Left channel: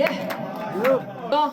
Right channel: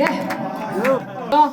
예. 어.